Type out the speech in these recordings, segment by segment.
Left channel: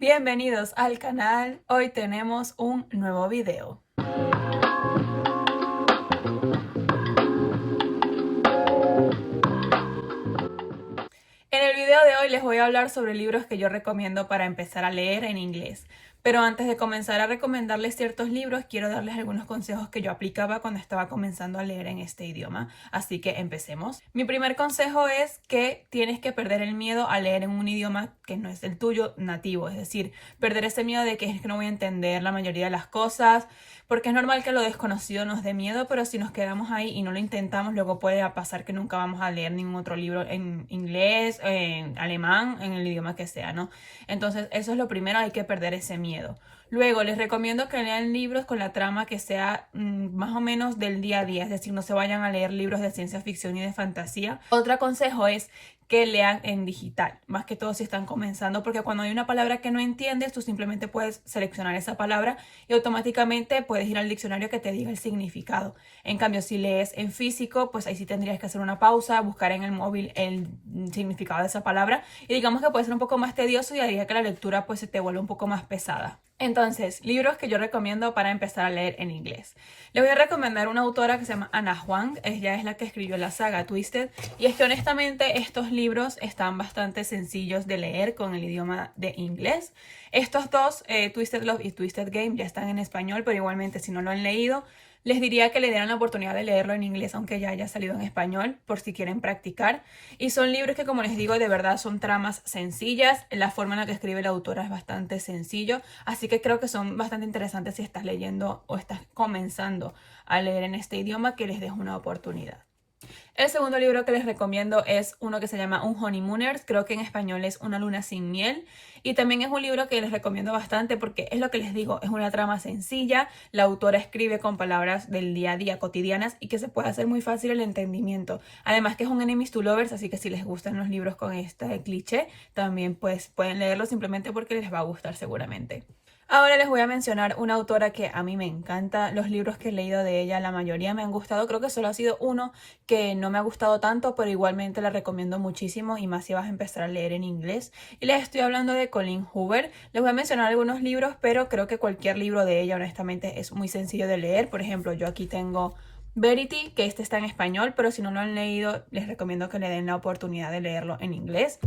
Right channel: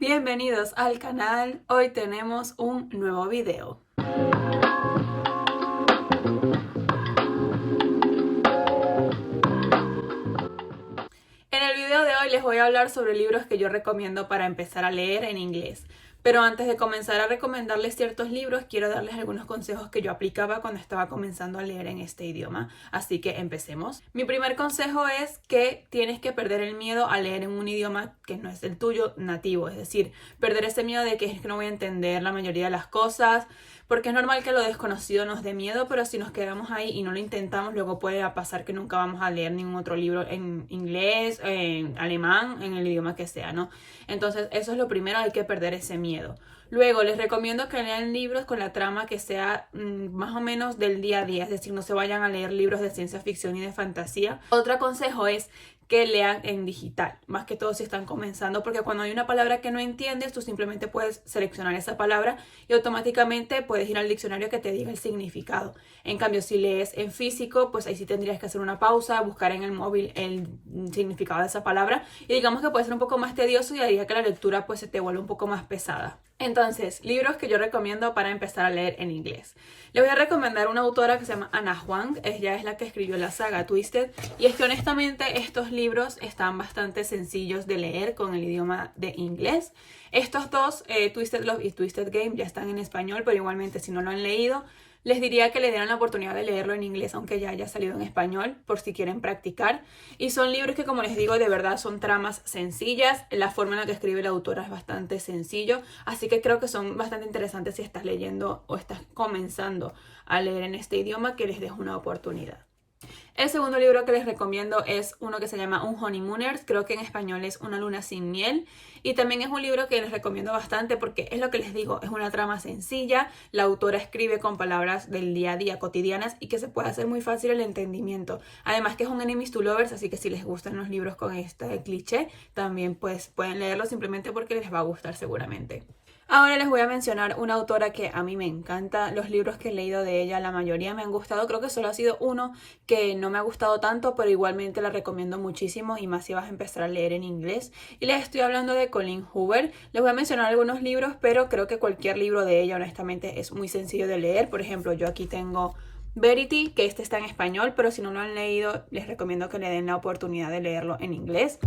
Bienvenidos al canal, hoy tenemos un nuevo video. En el video de hoy les voy a hablar sobre libros que yo recomiendo para empezar a leer en inglés. Pero antes de comenzar a recomendarles ciertos libros, quiero darles algunos consejos que yo aplicaba cuando estaba comenzando a leer en este idioma. Así que empecemos. Mi primer consejo es que tienes que perder el miedo a leer en un idioma que no es el tuyo nativo. Es decir, perder ese miedo de que es que no voy a entender la mayoría de las cosas. Porque es normal que lo desconocido nos dé miedo, pero si nos quedamos ahí y no lo intentamos, luego puede pasar que nunca vamos a leer ningún otro libro en inglés, en alemán, en el idioma que sea, ¿no? Entonces, eso es lo primero, hay que perder ese miedo. Luego, les recomiendo que lean libros con la trama que sea más o menos del día a día, es decir, no se vayan a leer libros de ciencia ficción y de fantasía. Otro consejo es que lean en digital, más que todo si están comenzando, porque cuando hay una palabra que no entiendes, tú simplemente puedes seleccionar esa palabra y automáticamente puedes ir al diccionario que te diga el significado. En cambio, si lees en físico, pues ahí sí tendrías que hacer una pausa, buscar en el móvil el significado de esa palabra y digamos que puede ser un poco más tedioso y haría que la lectura pues se te vuelva un poco más pesada. Entonces, libros que yo recomiendo para empezar a leer en inglés. Les voy a recomendar una autora que se llama Ana Huang. Ella es la que escribió la saga Twisted. Y es que honestamente estos libros están bastante sencillos de leer con el idioma de inglés. Estos dos, Twisted Love y Twisted Game, ya están en español, pero igualmente si no lo han leído, les diría que le dieran la oportunidad de leerlo en inglés, aunque ya haya salido en español, por si quieren practicar. Y son libros que, como les digo, de verdad son tramas sencillas. La forma en la que escribe la autora es bastante sencillo. Así que creo que son bastante interesantes si estás leyendo o estás comenzando a leer en este idioma, que les des una oportunidad. El segundo libro que les recomiendo es uno que se llama Un Honeymooners, creo que en español es Una luna sin miel. Y también es un libro que les recomiendo bastante porque es lo que les digo, es una trama sencilla, la autora escribe con palabras del día a día cotidianas y que se puede hacer muy fácil el entendimiento. Además que es un enemies to lovers, así que si les gustan los libros con este cliché, también pues pueden leerlo simplemente porque les va a gustar seguramente. Ahora les voy a mencionar una autora que a mí me encanta. Los libros que he leído de ella, la mayoría me han gustado. Creo que solo ha sido uno que no me ha gustado tanto, pero igualmente la recomiendo muchísimo y más si vas a empezar a leer en inglés. Y les estoy hablando de Colleen Hoover. Les voy a mencionar algunos libros, pero creo que cualquier libro de ella honestamente es muy sencillo de leer. Por ejemplo, yo aquí tengo Verity, que este está en español, pero si no lo han leído, les recomiendo que le den la oportunidad de leerlo en inglés.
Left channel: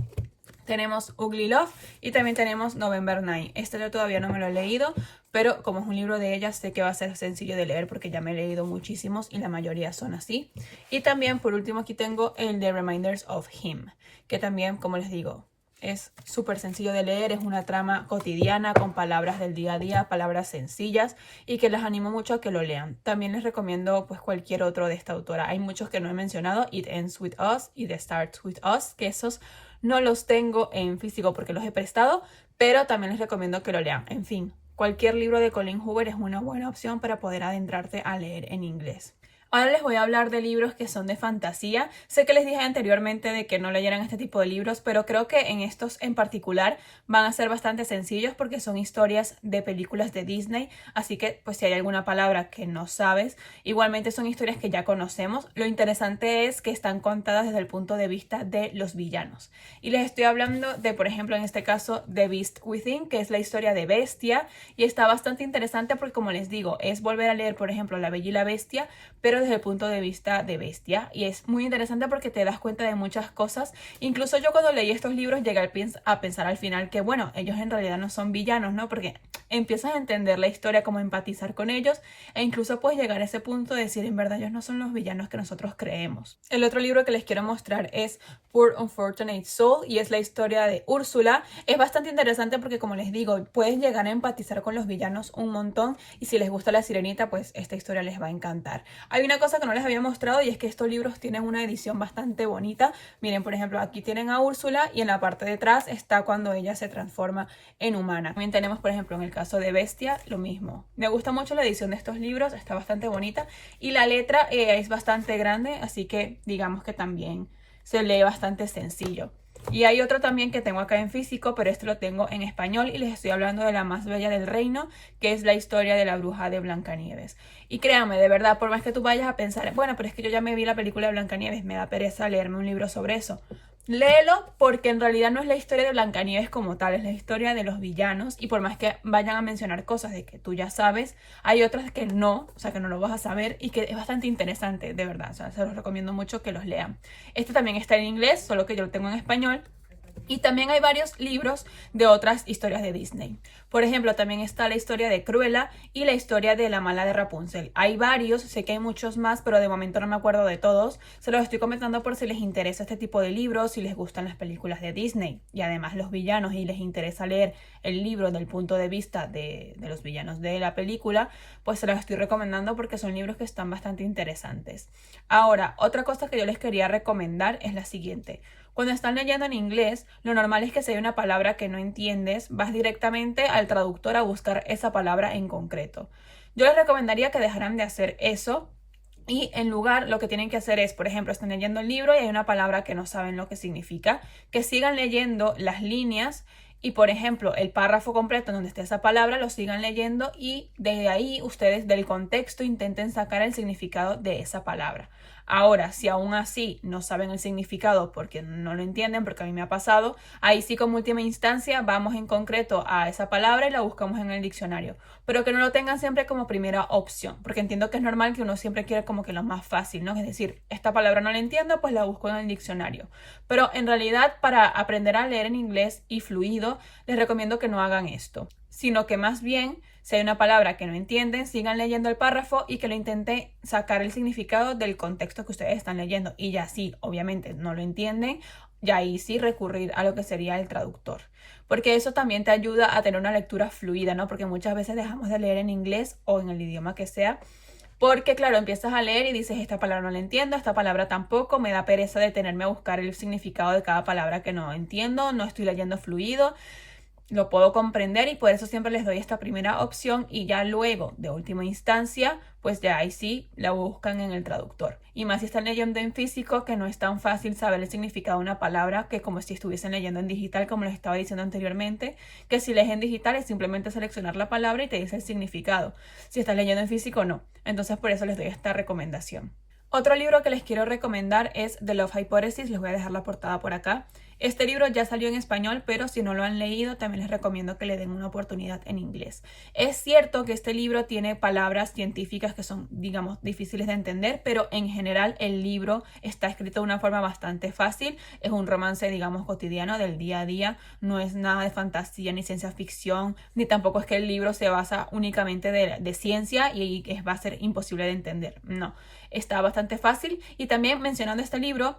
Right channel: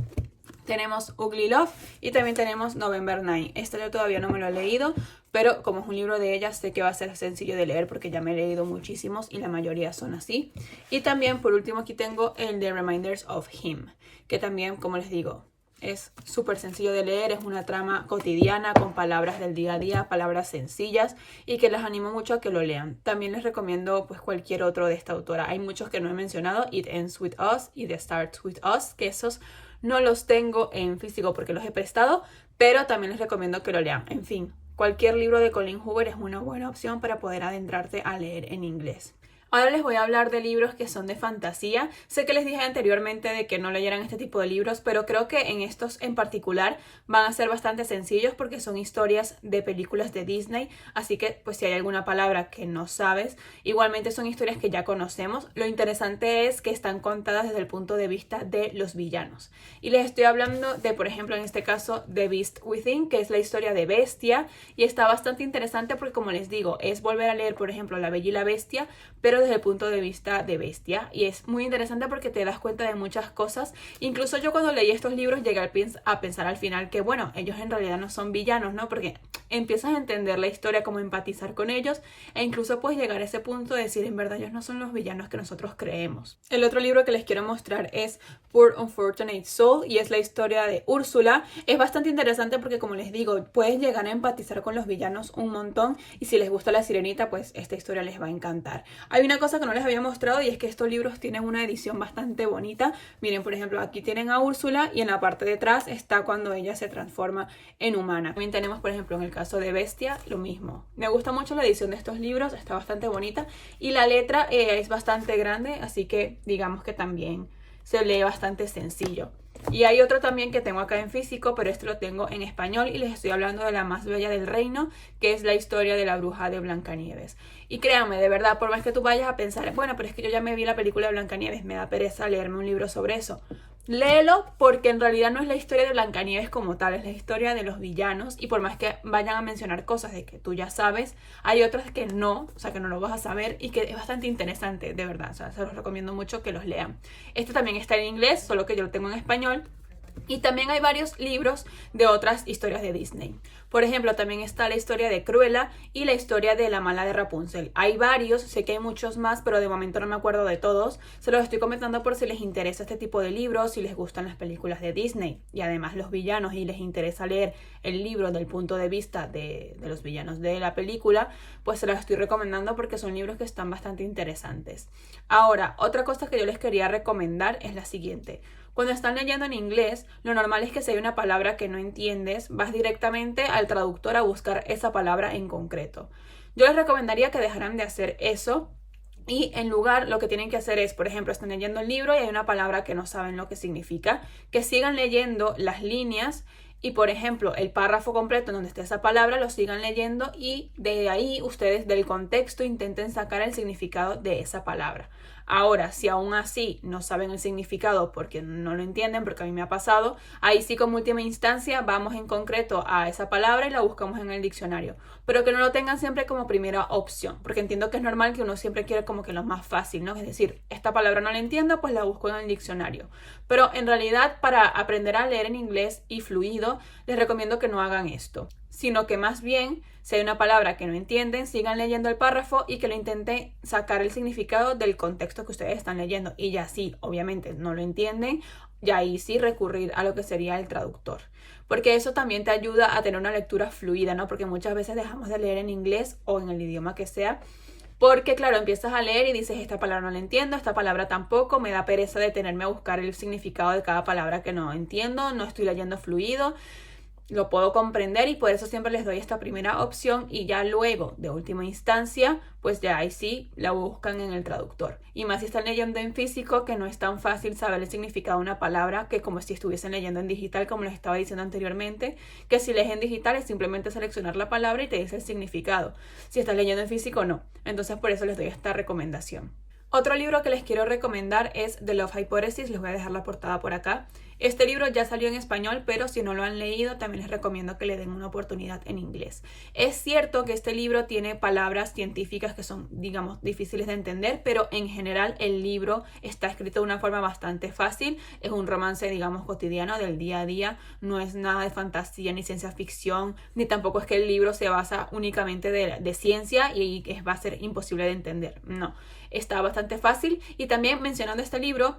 Tenemos Ugly Love y también tenemos November 9. Este yo todavía no me lo he leído, pero como es un libro de ella, sé que va a ser sencillo de leer porque ya me he leído muchísimos y la mayoría son así. Y también, por último, aquí tengo el The Reminders of Him, que también, como les digo, es súper sencillo de leer, es una trama cotidiana con palabras del día a día, palabras sencillas y que les animo mucho a que lo lean. También les recomiendo pues cualquier otro de esta autora. Hay muchos que no he mencionado, It Ends With Us y The Starts With Us, que esos no los tengo en físico porque los he prestado, pero también les recomiendo que lo lean. En fin, cualquier libro de Colleen Hoover es una buena opción para poder adentrarte a leer en inglés. Ahora les voy a hablar de libros que son de fantasía. Sé que les dije anteriormente de que no leyeran este tipo de libros, pero creo que en estos en particular van a ser bastante sencillos porque son historias de películas de Disney. Así que pues si hay alguna palabra que no sabes, igualmente son historias que ya conocemos. Lo interesante es que están contadas desde el punto de vista de los villanos. Y les estoy hablando de, por ejemplo, en este caso, The Beast Within, que es la historia de Bestia. Y está bastante interesante porque, como les digo, es volver a leer, por ejemplo, La Bella y la Bestia, pero desde el punto de vista de Bestia, y es muy interesante porque te das cuenta de muchas cosas. Incluso yo cuando leí estos libros llegué a pensar al final que bueno, ellos en realidad no son villanos, ¿no? Porque empiezas a entender la historia, como empatizar con ellos e incluso puedes llegar a ese punto de decir en verdad ellos no son los villanos que nosotros creemos. El otro libro que les quiero mostrar es Poor Unfortunate Soul y es la historia de Úrsula. Es bastante interesante porque, como les digo, puedes llegar a empatizar con los villanos un montón y si les gusta La Sirenita, pues esta historia les va a encantar. Hay una cosa que no les había mostrado y es que estos libros tienen una edición bastante bonita. Miren, por ejemplo, aquí tienen a Úrsula y en la parte de atrás está cuando ella se transforma en humana. También tenemos, por ejemplo, en el caso de Bestia, lo mismo. Me gusta mucho la edición de estos libros, está bastante bonita y la letra es bastante grande, así que digamos que también se lee bastante sencillo. Y hay otro también que tengo acá en físico, pero este lo tengo en español y les estoy hablando de La más bella del reino, que es la historia de la bruja de Blancanieves. Y créanme, de verdad, por más que tú vayas a pensar, bueno, pero es que yo ya me vi la película de Blancanieves, me da pereza leerme un libro sobre eso. Léelo porque en realidad no es la historia de Blancanieves como tal, es la historia de los villanos y por más que vayan a mencionar cosas de que tú ya sabes, hay otras que no, o sea que no lo vas a saber y que es bastante interesante, de verdad, o sea, se los recomiendo mucho que los lean. Este también está en inglés, solo que yo lo tengo en español. Y también hay varios libros de otras historias de Disney. Por ejemplo, también está la historia de Cruella y la historia de La mala de Rapunzel. Hay varios, sé que hay muchos más, pero de momento no me acuerdo de todos. Se los estoy comentando por si les interesa este tipo de libros, si les gustan las películas de Disney y además los villanos y les interesa leer el libro del punto de vista de los villanos de la película, pues se los estoy recomendando porque son libros que están bastante interesantes. Ahora, otra cosa que yo les quería recomendar es la siguiente. Cuando están leyendo en inglés, lo normal es que si hay una palabra que no entiendes, vas directamente al traductor a buscar esa palabra en concreto. Yo les recomendaría que dejaran de hacer eso y en lugar lo que tienen que hacer es, por ejemplo, están leyendo el libro y hay una palabra que no saben lo que significa, que sigan leyendo las líneas y, por ejemplo, el párrafo completo en donde esté esa palabra lo sigan leyendo y desde ahí ustedes del contexto intenten sacar el significado de esa palabra. Ahora, si aún así no saben el significado porque no lo entienden, porque a mí me ha pasado, ahí sí como última instancia vamos en concreto a esa palabra y la buscamos en el diccionario. Pero que no lo tengan siempre como primera opción, porque entiendo que es normal que uno siempre quiera como que lo más fácil, ¿no? Es decir, esta palabra no la entiendo, pues la busco en el diccionario. Pero en realidad para aprender a leer en inglés y fluido, les recomiendo que no hagan esto, sino que más bien si hay una palabra que no entienden, sigan leyendo el párrafo y que lo intenten sacar el significado del contexto que ustedes están leyendo. Y ya sí, obviamente no lo entienden, ya ahí sí recurrir a lo que sería el traductor. Porque eso también te ayuda a tener una lectura fluida, ¿no? Porque muchas veces dejamos de leer en inglés o en el idioma que sea. Porque claro, empiezas a leer y dices, esta palabra no la entiendo, esta palabra tampoco, me da pereza detenerme a buscar el significado de cada palabra que no entiendo, no estoy leyendo fluido. Lo puedo comprender y por eso siempre les doy esta primera opción y ya luego, de última instancia, pues ya ahí sí la buscan en el traductor. Y más si están leyendo en físico, que no es tan fácil saber el significado de una palabra que como si estuviesen leyendo en digital, como les estaba diciendo anteriormente, que si lees en digital es simplemente seleccionar la palabra y te dice el significado. Si estás leyendo en físico, no. Entonces por eso les doy esta recomendación. Otro libro que les quiero recomendar es The Love Hypothesis, les voy a dejar la portada por acá. Este libro ya salió en español, pero si no lo han leído, también les recomiendo que le den una oportunidad en inglés. Es cierto que este libro tiene palabras científicas que son, digamos, difíciles de entender, pero en general el libro está escrito de una forma bastante fácil. Es un romance, digamos, cotidiano del día a día. No es nada de fantasía ni ciencia ficción, ni tampoco es que el libro se basa únicamente de ciencia y va a ser imposible de entender. No, está bastante fácil. Y también mencionando este libro,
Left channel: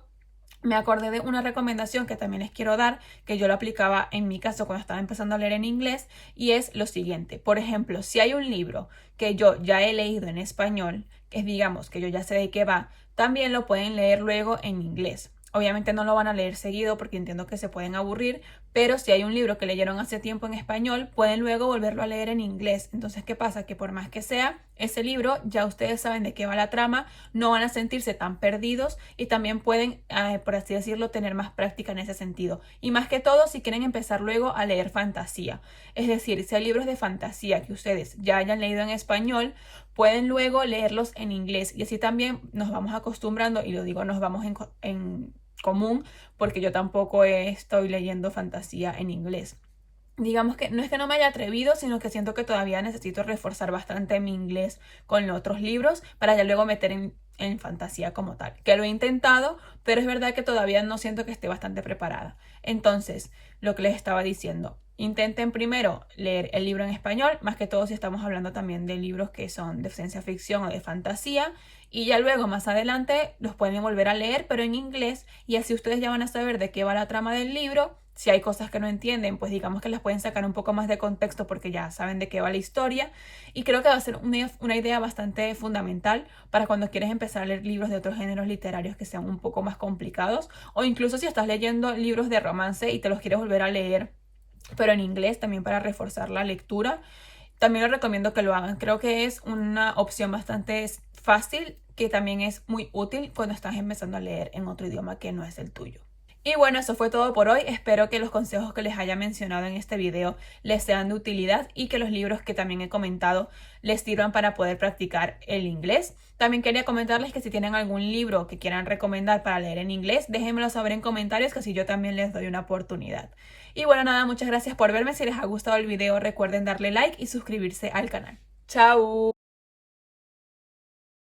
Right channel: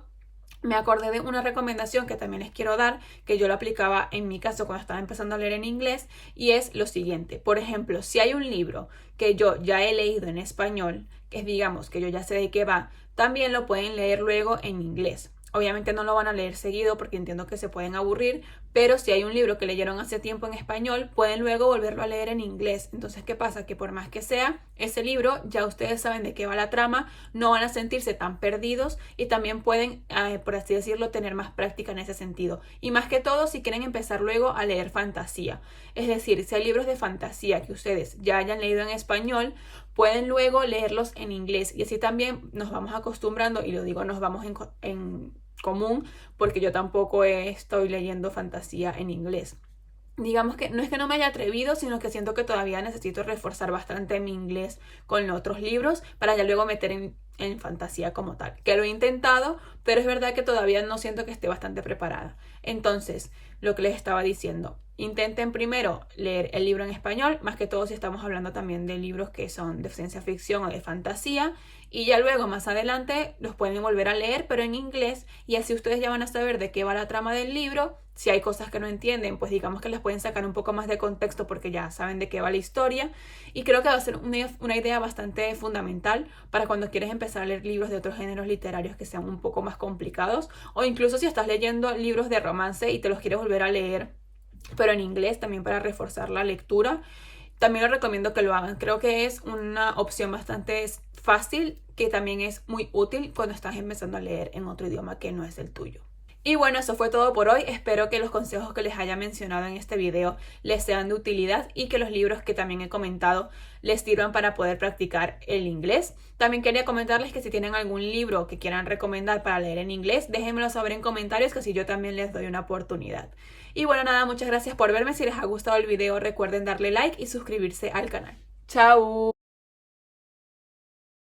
me acordé de una recomendación que también les quiero dar, que yo lo aplicaba en mi caso cuando estaba empezando a leer en inglés, y es lo siguiente. Por ejemplo, si hay un libro que yo ya he leído en español, que es, digamos, que yo ya sé de qué va, también lo pueden leer luego en inglés. Obviamente no lo van a leer seguido porque entiendo que se pueden aburrir, pero si hay un libro que leyeron hace tiempo en español, pueden luego volverlo a leer en inglés. Entonces, ¿qué pasa? Que por más que sea ese libro, ya ustedes saben de qué va la trama, no van a sentirse tan perdidos y también pueden, por así decirlo, tener más práctica en ese sentido. Y más que todo, si quieren empezar luego a leer fantasía. Es decir, si hay libros de fantasía que ustedes ya hayan leído en español, pueden luego leerlos en inglés. Y así también nos vamos acostumbrando, y lo digo, nos vamos en común, porque yo tampoco estoy leyendo fantasía en inglés. Digamos que no es que no me haya atrevido, sino que siento que todavía necesito reforzar bastante mi inglés con otros libros para ya luego meter en fantasía como tal. Que lo he intentado, pero es verdad que todavía no siento que esté bastante preparada. Entonces, lo que les estaba diciendo, intenten primero leer el libro en español, más que todo si estamos hablando también de libros que son de ciencia ficción o de fantasía, y ya luego más adelante los pueden volver a leer, pero en inglés, y así ustedes ya van a saber de qué va la trama del libro. Si hay cosas que no entienden, pues digamos que las pueden sacar un poco más de contexto porque ya saben de qué va la historia. Y creo que va a ser una idea bastante fundamental para cuando quieres empezar a leer libros de otros géneros literarios que sean un poco más complicados. O incluso si estás leyendo libros de romance y te los quieres volver a leer, pero en inglés también para reforzar la lectura. También les recomiendo que lo hagan. Creo que es una opción bastante fácil que también es muy útil cuando estás empezando a leer en otro idioma que no es el tuyo. Y bueno, eso fue todo por hoy. Espero que los consejos que les haya mencionado en este video les sean de utilidad y que los libros que también he comentado les sirvan para poder practicar el inglés. También quería comentarles que si tienen algún libro que quieran recomendar para leer en inglés, déjenmelo saber en comentarios, que así yo también les doy una oportunidad. Y bueno, nada, muchas gracias por verme. Si les ha gustado el video, recuerden darle like y suscribirse al canal. ¡Chao!